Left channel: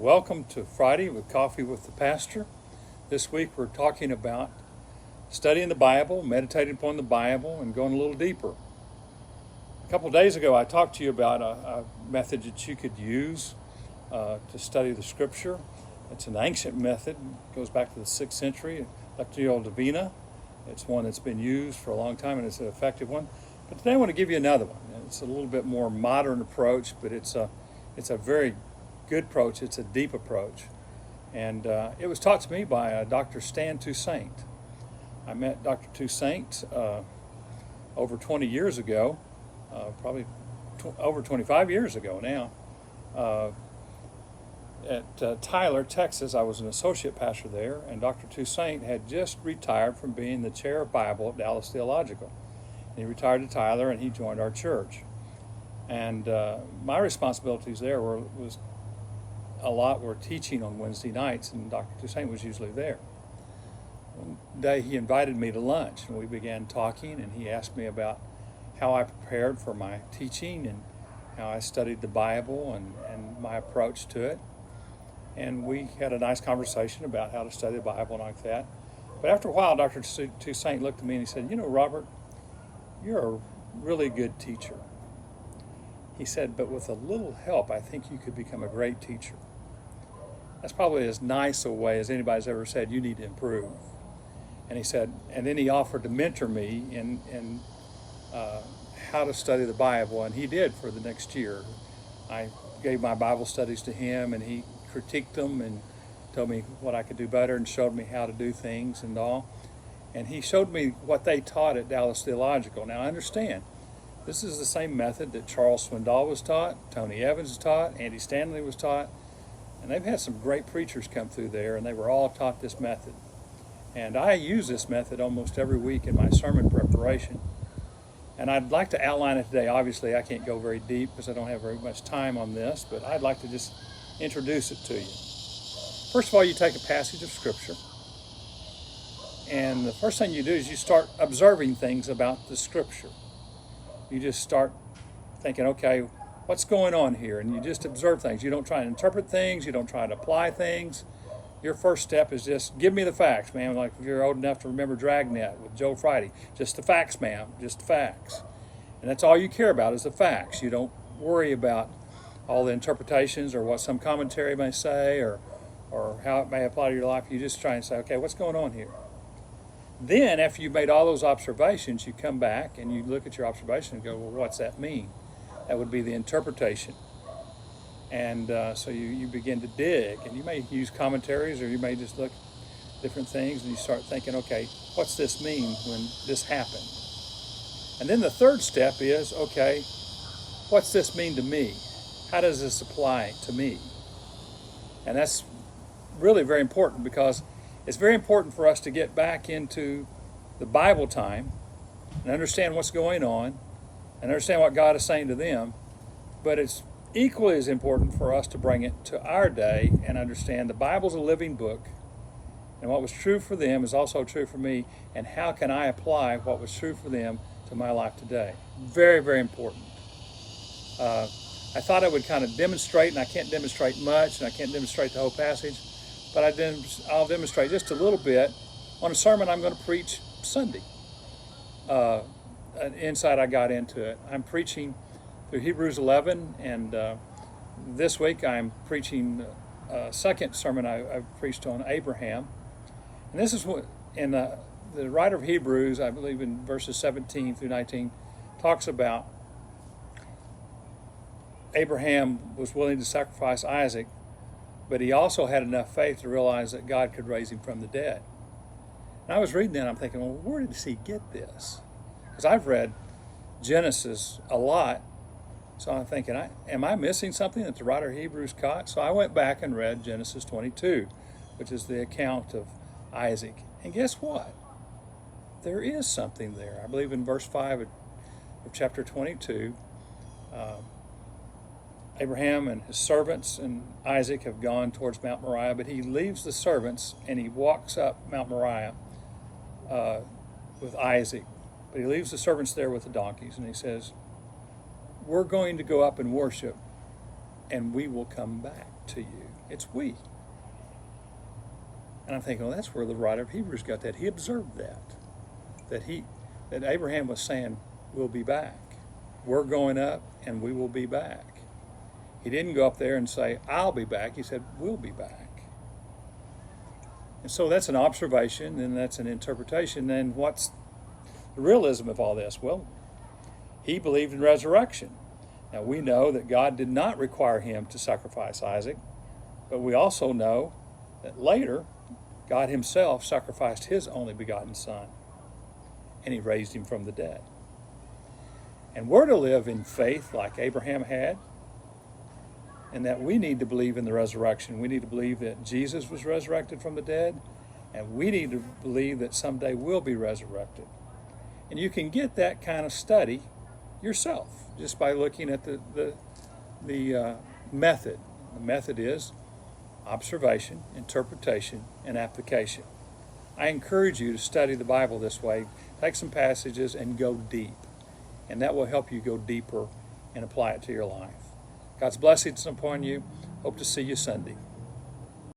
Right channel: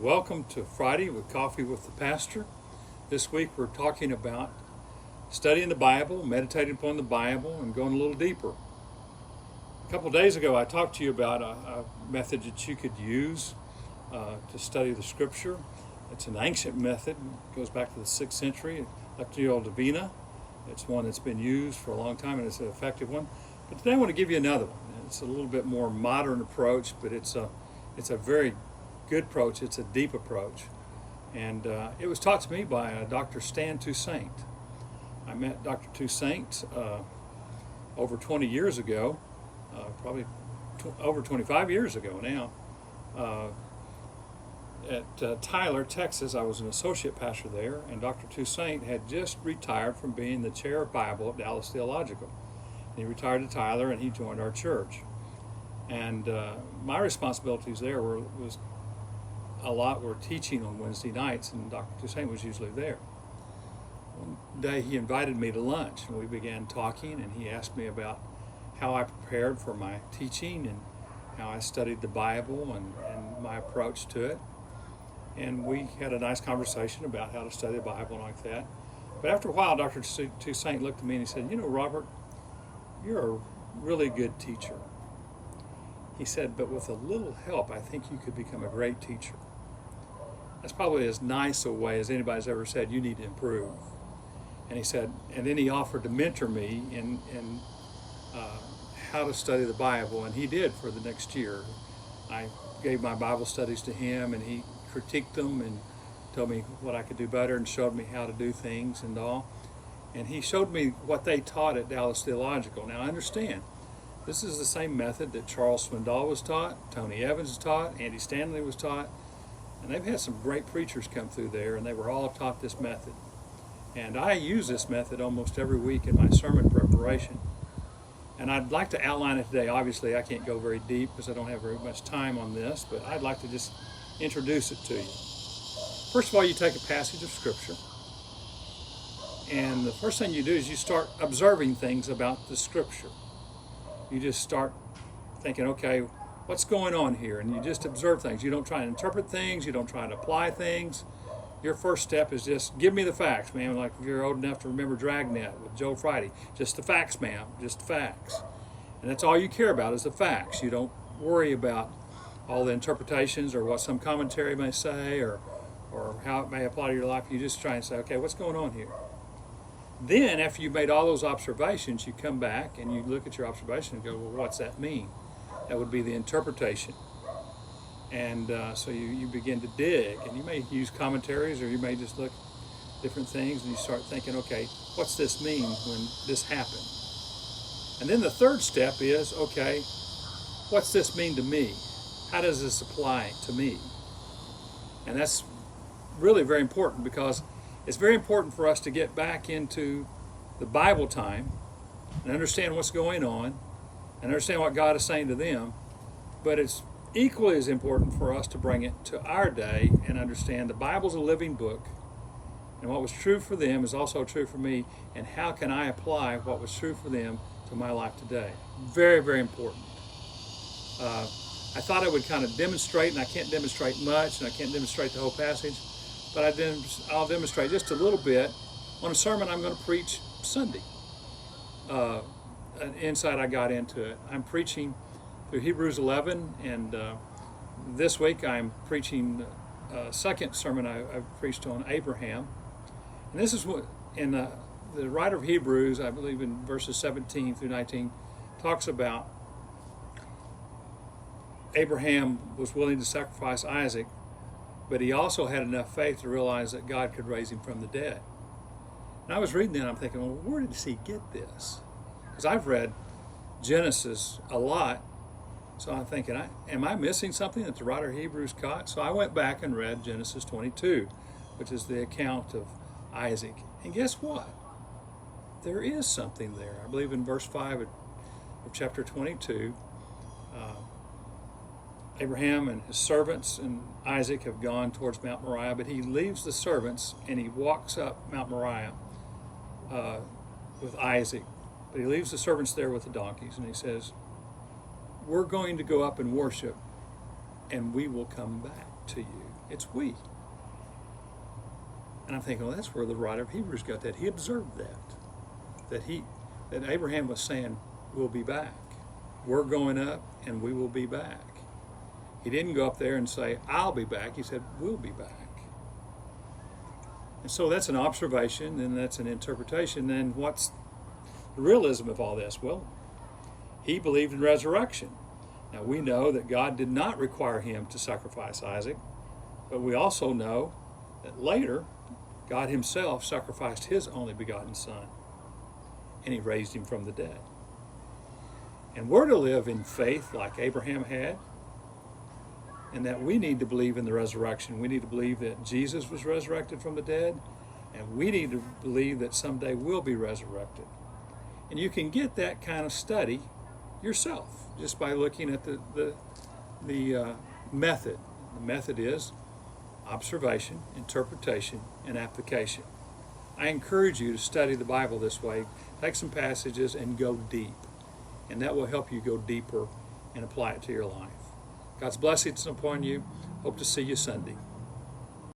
Welcome to Friday with Coffee with the Pastor. This week we're talking about studying the Bible, meditating upon the Bible, and going a little deeper. A couple of days ago I talked to you about a method that you could use to study the Scripture. It's an ancient method. It goes back to the 6th century, Lectio Divina. It's one that's been used for a long time and it's an effective one. But today I want to give you another one. It's a little bit more modern approach, but it's a very good approach. It's a deep approach. And it was taught to me by Dr. Stan Toussaint. I met Dr. Toussaint over 20 years ago, probably over 25 years ago now, at Tyler, Texas. I was an associate pastor there, and Dr. Toussaint had just retired from being the chair of Bible at Dallas Theological. He retired to Tyler, and he joined our church. And my responsibilities there were teaching on Wednesday nights, and Dr. Toussaint was usually there. One day he invited me to lunch, and we began talking, and he asked me about how I prepared for my teaching and how I studied the Bible and my approach to it. And we had a nice conversation about how to study the Bible and like that. But after a while, Dr. Toussaint looked at me and he said, "You know, Robert, you're a really good teacher." He said, "But with a little help, I think you could become a great teacher." That's probably as nice a way as anybody's ever said, "You need to improve." And he said, and then he offered to mentor me in how to study the Bible, and he did for the next year. I gave my Bible studies to him, and he critiqued them and told me what I could do better and showed me how to do things and all. And he showed me what they taught at Dallas Theological. Now, understand, this is the same method that Charles Swindoll was taught, Tony Evans was taught, Andy Stanley was taught, and they've had some great preachers come through there, and they were all taught this method. And I use this method almost every week in my sermon preparation. And I'd like to outline it today. Obviously, I can't go very deep because I don't have very much time on this, but I'd like to just introduce it to you. First of all, you take a passage of Scripture, and the first thing you do is you start observing things about the Scripture. You just start thinking, okay, what's going on here? And you just observe things. You don't try and interpret things. You don't try to apply things. Your first step is just, give me the facts, ma'am. Like if you're old enough to remember Dragnet with Joe Friday. Just the facts, ma'am. Just the facts. And that's all you care about is the facts. You don't worry about all the interpretations or what some commentary may say or how it may apply to your life. You just try and say, okay, what's going on here? Then, after you've made all those observations, you come back and you look at your observation and go, well, what's that mean? That would be the interpretation. And so you begin to dig, and you may use commentaries or you may just look at different things and you start thinking, okay, what's this mean when this happened? And then the third step is, okay, what's this mean to me? How does this apply to me? And that's really very important because it's very important for us to get back into the Bible time and understand what's going on and understand what God is saying to them. But it's equally as important for us to bring it to our day and understand the Bible's a living book, and what was true for them is also true for me, and how can I apply what was true for them to my life today? Very, very important. I thought I would kind of demonstrate, and I can't demonstrate much, and I can't demonstrate the whole passage, but I'll demonstrate just a little bit on a sermon I'm going to preach Sunday. An insight I got into it. I'm preaching through Hebrews 11, and this week I'm preaching a second sermon I've preached on Abraham. And this is what, in the writer of Hebrews, I believe in verses 17 through 19, talks about Abraham was willing to sacrifice Isaac, but he also had enough faith to realize that God could raise him from the dead. And I was reading that and I'm thinking, well, where did he get this? Because I've read Genesis a lot, so I'm thinking, am I missing something that the writer of Hebrews caught? So I went back and read Genesis 22, which is the account of Isaac. And guess what? There is something there. I believe in verse 5 of chapter 22, Abraham and his servants and Isaac have gone towards Mount Moriah, but he leaves the servants and he walks up Mount Moriah with Isaac. But he leaves the servants there with the donkeys, and he says, we're going to go up and worship, and we will come back. to you. It's we. And I'm thinking, well, that's where the writer of Hebrews got that. He observed that Abraham was saying, we'll be back. We're going up and we will be back. He didn't go up there and say, I'll be back. He said, we'll be back. And so that's an observation and that's an interpretation. Then what's the realism of all this? Well, he believed in resurrection. Now we know that God did not require him to sacrifice Isaac, but we also know that later God himself sacrificed his only begotten son, and he raised him from the dead. And we're to live in faith like Abraham had, and that we need to believe in the resurrection. We need to believe that Jesus was resurrected from the dead, and we need to believe that someday we'll be resurrected. And you can get that kind of study yourself just by looking at the method. The method is observation, interpretation, and application. I encourage you to study the Bible this way. Take some passages and go deep. And that will help you go deeper and apply it to your life. God's blessings upon you. Hope to see you Sunday.